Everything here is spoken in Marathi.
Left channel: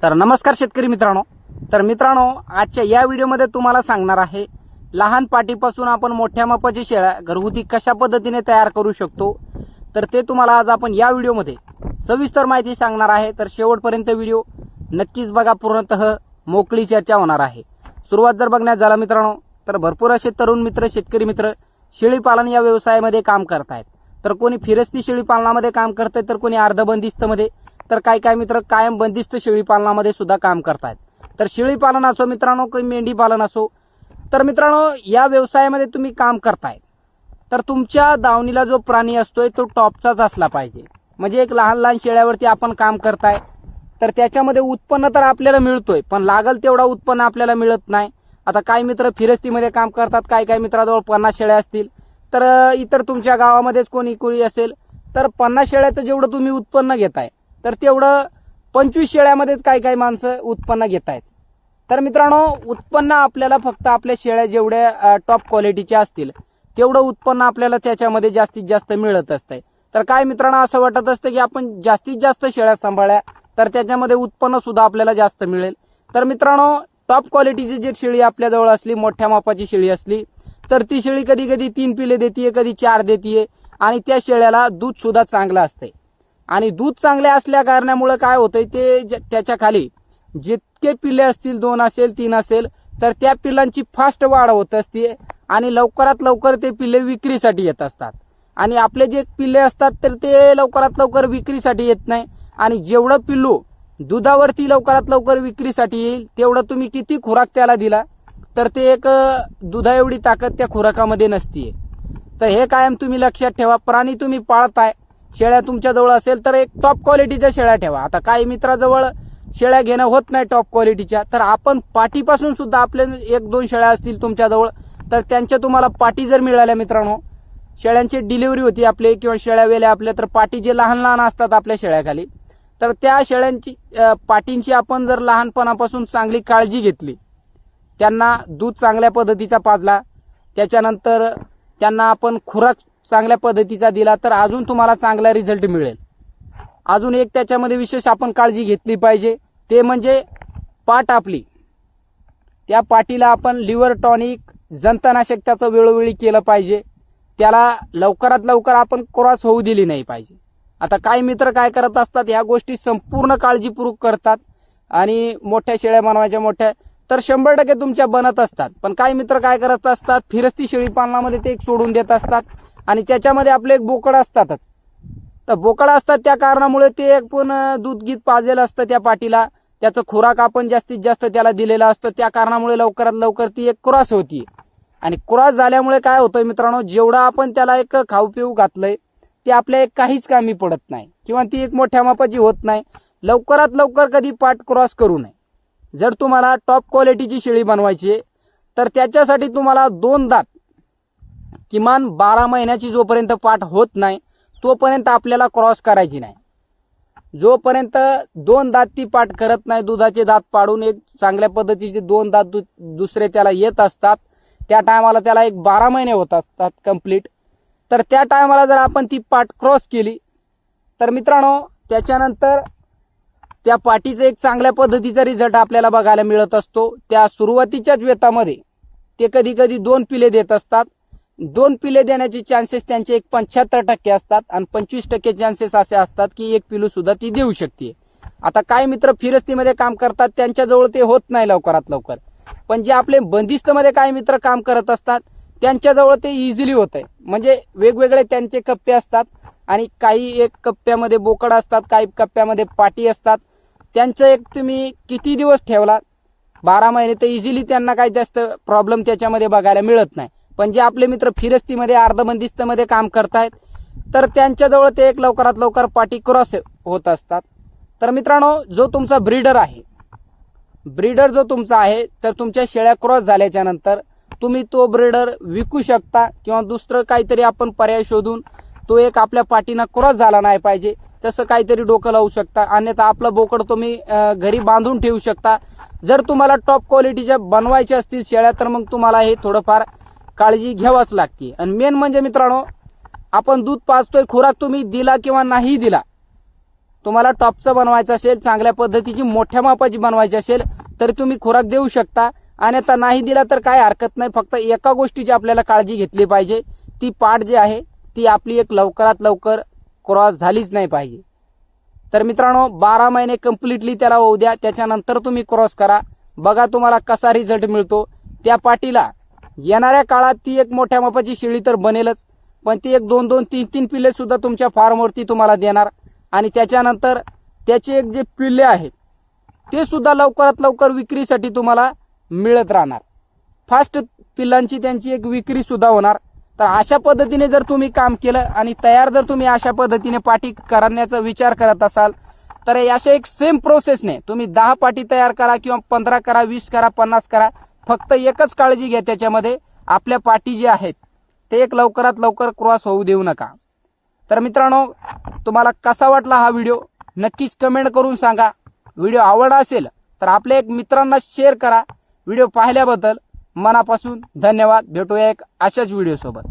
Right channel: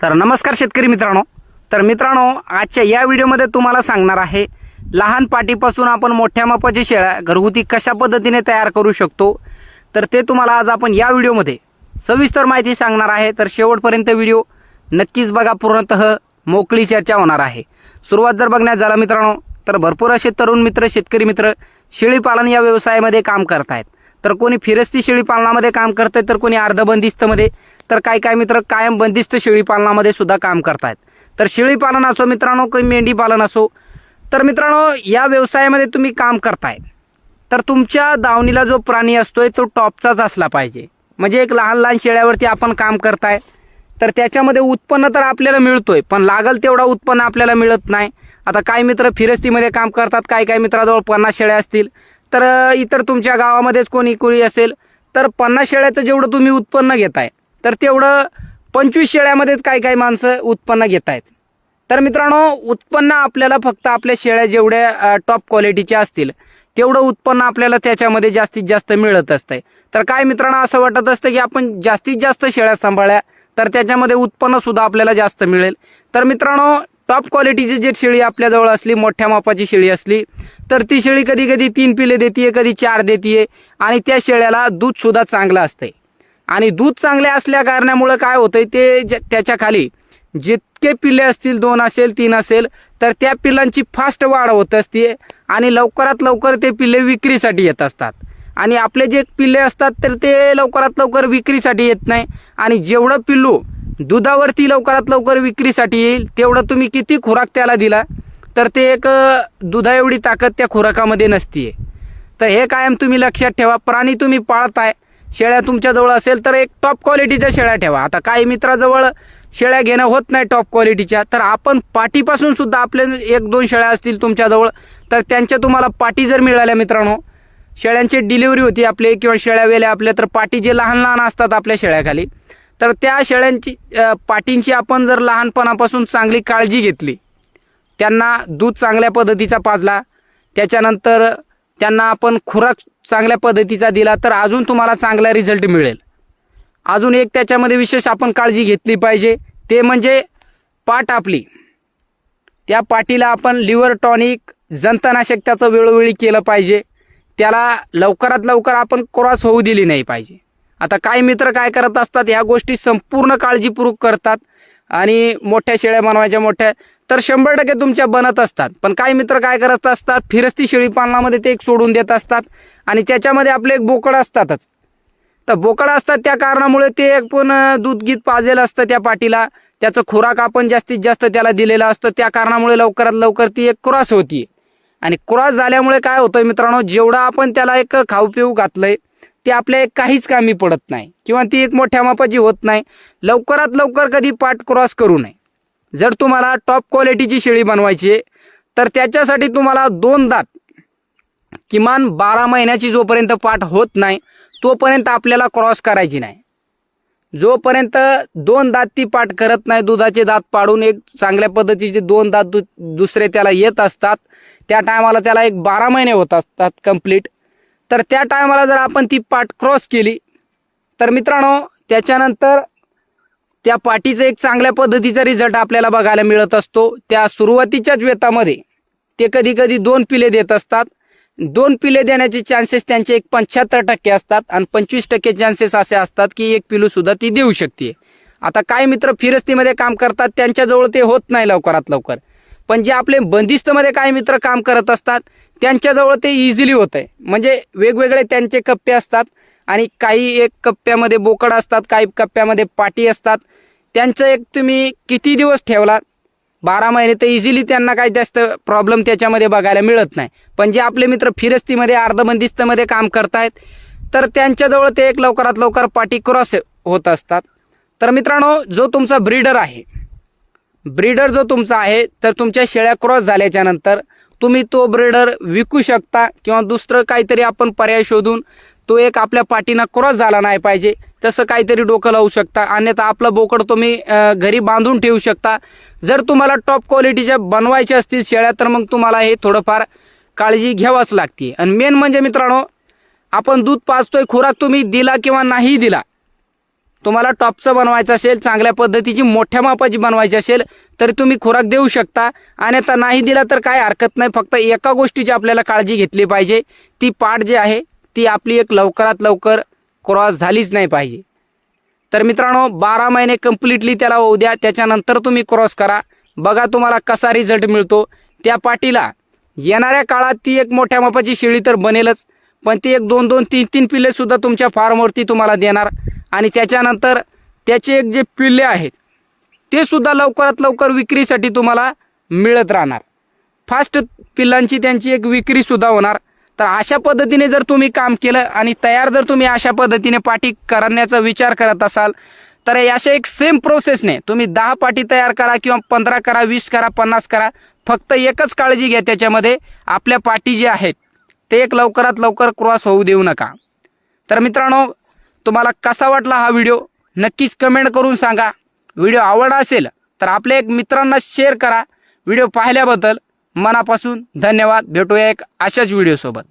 तर नमस्कार शेतकरी मित्रांनो. तर मित्रांनो, आजच्या या व्हिडिओमध्ये तुम्हाला सांगणार आहे लहान पाटीपासून आपण मोठ्या मापाच्या शेळ्या घरगुती कशा पद्धतीने तयार करू शकतो. तर ते तुम्हाला आज आपण या व्हिडिओमध्ये सविस्तर माहिती सांगणार आहे. तर शेवटपर्यंत व्हिडिओ नक्कीच बघा, पूर्णतः मोकळी चर्चा होणार आहे. सुरुवात जर बघण्यात झाला मित्रांनो, तर भरपूर असे तरुण मित्र, शेतकरी मित्र शेळी पालन या व्यवसायामध्ये काम करतायत. तर कोणी फिरस्ती शेळी पालनामध्ये काम करतंय, तर कोणी अर्धबंदिस्तमध्ये, तर काय मित्र कायम बंदिस्त शेळी पालनामध्ये सुद्धा काम करतायत. तर शेळी पालन असो मित्रांनो, काही मेंढी पालन असो, तर मित्रांनो या व्यवसायामध्ये तुम्ही काम करताय तर तुमच्या दावणीला जो प्राणी असतोय तो टॉपचाच असला पाहिजे. म्हणजे एक लहान लहान शेळ्यावरती आपण काम करताय तर त्याच्यामध्ये उत्पन्न तर आपल्याला मिळतोय, पण लागल तेवढा उत्पन्न आपल्याला मिळत नाही. आता काही मित्र फिरस्तीमध्ये काम करतात, काही मित्राजवळ 50 शेळ्या असतील, तर इतर तुमच्या गावामध्येच कोणी असेल तर 50 शेळ्याचं जेवढं तुम्ही उत्पन्न घेताय तर तेवढं 25 शेळ्यामध्येच काही माणसं उत्पन्न घेत आहेत. तर मित्रांनो, उत्पन्न आपल्याला फक्त आपल्या शेळ्या जेवढ्या टॉप क्वालिटीच्या असतील तेवढं उत्पन्न आपल्याला त्याच्यामध्ये जास्तीत जास्त मिळत असतंय. तर काय मित्रांनो, असं वाटत असतं की आपण जास्तीत जास्त शेळ्या सांभाळल्या तर त्याच्यामध्ये उत्पन्न सुद्धा आपल्याला जास्त मिळेल. तर मित्रांनो, टॉप क्वालिटीची जी शेळी आपल्याजवळ असली, मोठ्या मापाची शेळी असली, तर ती शेळी कधी 3 पिले देते, कधी 4 देते, आणि त्या शेळ्याला दूध सुद्धा चांगलं असतंय. आणि दूध चांगले असल्या कारणामुळे काय होतंय, ते त्याच्या खाली जितके पिल्ले असतील, 2 असेल 3 असेल, तर त्या पिल्लांची फास्ट वाढ होत असते आणि लवकरात लवकर ते पिल्ले विक्रीसाठी येत असतात. आणि आपले जे पिल्ले असतात तर ते लवकरात लवकर विक्रीसाठी येत नाही. आणि जेवढं पिल्लू दुधावरती लवकरात लवकर विक्रीसाठी येईल तेवढं तुम्ही किती खुराक त्याला दिला तर ते एक दुधा एवढी ताकद त्या खुराकामध्ये नसते. तर हे कायम तुम्ही लक्षात ठेवा. प्राणी तुम्ही पाळताय, शेळ्या तुमच्याजवळ असेल तर एक टॉप क्वालिटीच्या शेळ्या ठेवा. आता काही मित्राजवळ शेळ्या घेणं होत नाही टॉप क्वालिटीच्या, तर आपण पाटीपासून सुद्धा आपले 1-2 शेळ्या असतील तुमच्याजवळ तर त्यांच्या तुम्हाला पाटी जर मिळाल्या मित्रांनो, शेळ्यांची डिलिव्हरी होती आपली किंवा शेळ्या वेल्या आपल्या, तर पाटी जे लहान लहान असतात आपल्या शेळ्याखाली, तर त्या शेळ्यांची पाटींची आपण जर लहानपणापासून चांगली काळजी घेतली, त्यांना दूध चांगल्या पद्धतीचा पाजला, त्याच्यानंतर त्यांना आपण खुराक चांगल्या पद्धतीचा दिला तर अजून तुम्हाला चांगला रिझल्ट मिळेल. अजून एक त्याच्यामध्ये विशेष आपण काळजी घेतली पाहिजे, ते म्हणजे पाट आपली, त्या पाटीला आपण लिव्हर टॉनिक, जंतनाशक त्याचं वेळोवेळी केलं पाहिजे. त्याला लवकरात लवकर आपण क्रॉस होऊ दिली नाही पाहिजे. आता काही मित्र काय करत असतात, ह्या गोष्टी संपूर्ण काळजीपूर्वक करतात आणि मोठ्या शेळ्या बनवायच्या मोठ्या, तर 100% तुमच्या बनत असतात. पण काही मित्र काय करत असतात, फिरस्ती शेळी पालनामध्ये ते एक सोडून देत असतात आणि त्याच्यामध्ये आपले एक बोकड असतातच. तर बोकड असतात त्या कारणामुळे ते एक पण दूध गीत पाजेल असतं त्या पाटीला, त्याचं खुराक आपण जास्तीत जास्त त्याला दिलेलं असतं, त्या कारणामुळे लवकरात लवकर ती एक क्रॉस होती. आणि क्रॉस झाल्यामुळे काय होतं मित्रांनो, जेवढं आपण त्याला एक खाऊ पिऊ घातलंय ते आपल्या एक काहीच कामी पडत नाही किंवा ती एक मोठ्या मापाची होत नाही. लवकरात लवकर कधी पाट क्रॉस करू नये. जर तुम्हाला टॉप क्वालिटीची शेळी बनवायची आहे तर त्याच्यासाठी तुम्हाला 2 दात, किमान 12 महिन्याची जोपर्यंत पाट होत नाही तोपर्यंत आपल्याला क्रॉस करायची नाही. जोपर्यंत 2 दात ती पाट करत नाही, दुधाचे दात पाडून एक चांगल्या पद्धतीचे 2 दात दुसरे त्याला येत असतात, त्या टायमाला त्याला एक 12 महिने होत असतात कंप्लीट. तर त्या टायमाला जर आपण ती पाट क्रॉस केली तर मित्रांनो, त्याच्यानंतर त्या पाटीचं एक चांगल्या पद्धतीचा रिझल्ट आपल्याला बघायला मिळत असतो. त्या सुरुवातीच्याच वेतामध्ये ते कधी 2 पिले देत असतात. 2 पिले देण्याचे चान्सेस त्यांचे एक 75% असतात आणि 25% चान्सेस असे असतात की 1 पिलू सुद्धा ती देऊ शकते. आता काही मित्र फिरस्तीमध्ये काम करतात, त्यांच्याजवळ ते होत नाही लवकरात लवकर, पण जे आपले बंदिस्तमध्ये काही मित्र काम करत असतात त्यांच्याजवळ ते इझिली होत आहे. म्हणजे वेगवेगळे त्यांचे कप्पे असतात आणि काही एक कप्प्यामध्ये बोकड असतात, काही कप्प्यामध्ये पाटी असतात. त्यांचं एक तुम्ही किती दिवस ठेवला, 12 महिने, तर इझिली त्यांना काही जास्त प्रॉब्लेम त्याच्यामध्ये बघायला मिळत नाही. पण जे आपले मित्र फिरस्तीमध्ये अर्धबंदिस्तमध्ये काम करतायत तर त्यांच्याजवळ ते एक लवकरात लवकर पाटी क्रॉस होत असतात. तर मित्रांनो, जो तुमचा ब्रीडर जो तुमचा आहे, तर तुमच्या शेळ्या क्रॉस झाल्याच्या नंतर तुम्ही तो ब्रीडर विकू शकता किंवा दुसरं काहीतरी आपण पर्याय शोधून, तो एक आपल्या पाटीनं क्रॉस झाला नाही पाहिजे तसं काहीतरी डोकं लावू शकता. अन्यथा आपलं बोकड तुम्ही घरी बांधून ठेवू शकता. जर तुम्हाला टॉप क्वालिटीच्या बनवायच्या असतील शेळ्या तर मग तुम्हाला हे थोडंफार काळजी घ्यावंच लागते. आणि मेन म्हणजे मित्रांनो, आपण दूध पाजतोय, खुराक तुम्ही दिला किंवा नाही दिला, तुम्हाला टॉपचं बनवायचं असेल, चांगल्या पद्धतीची मोठ्या मापाची बनवायची असेल तर तुम्ही खुराक देऊ शकता, आणि आता नाही दिला तर काय हरकत नाही. फक्त एका गोष्टीची आपल्याला काळजी घेतली पाहिजे, ती पाठ जी आहे ती आपली एक लवकरात लवकर क्रॉस झालीच नाही पाहिजे. तर मित्रांनो 12 महिने कंप्लिटली त्याला होऊ द्या, त्याच्यानंतर तुम्ही क्रॉस करा, बघा तुम्हाला कसा रिझल्ट मिळतो. त्या पाटीला येणाऱ्या काळात ती एक मोठ्या मापाची शेळी तर बनेलच, पण ती एक 2-2, 3-3 पिल्ले सुद्धा तुमच्या फार्मवरती तुम्हाला देणार, आणि त्याच्यानंतर त्याचे एक जे पिल्ले आहेत ते सुद्धा लवकरात लवकर विक्रीसाठी तुम्हाला मिळत राहणार. फास्ट पिल्लांची त्यांची एक विक्री सुद्धा होणार. तर अशा पद्धतीने जर तुम्ही काम केलं आणि तयार जर तुम्ही अशा पद्धतीने पाटी करण्याचा विचार करत असाल तर अशा एक सेम प्रोसेसने तुम्ही 10 पाटी तयार करा किंवा 15 करा, 20 करा, 50 करा. फक्त एकच काळजी घ्या त्याच्यामध्ये, आपल्या पाटी जी आहेत ते एक लवकरात लवकर क्रॉस होऊ देऊ नका. तर मित्रांनो तुम्हाला कसा वाटला हा व्हिडिओ नक्कीच कमेंट करून सांगा. व्हिडिओ आवडला असेल तर आपल्या एक मित्रांना शेअर करा. व्हिडिओ पाहिल्याबद्दल मनापासून धन्यवाद. भेटूया एक अशाच व्हिडिओसोबत.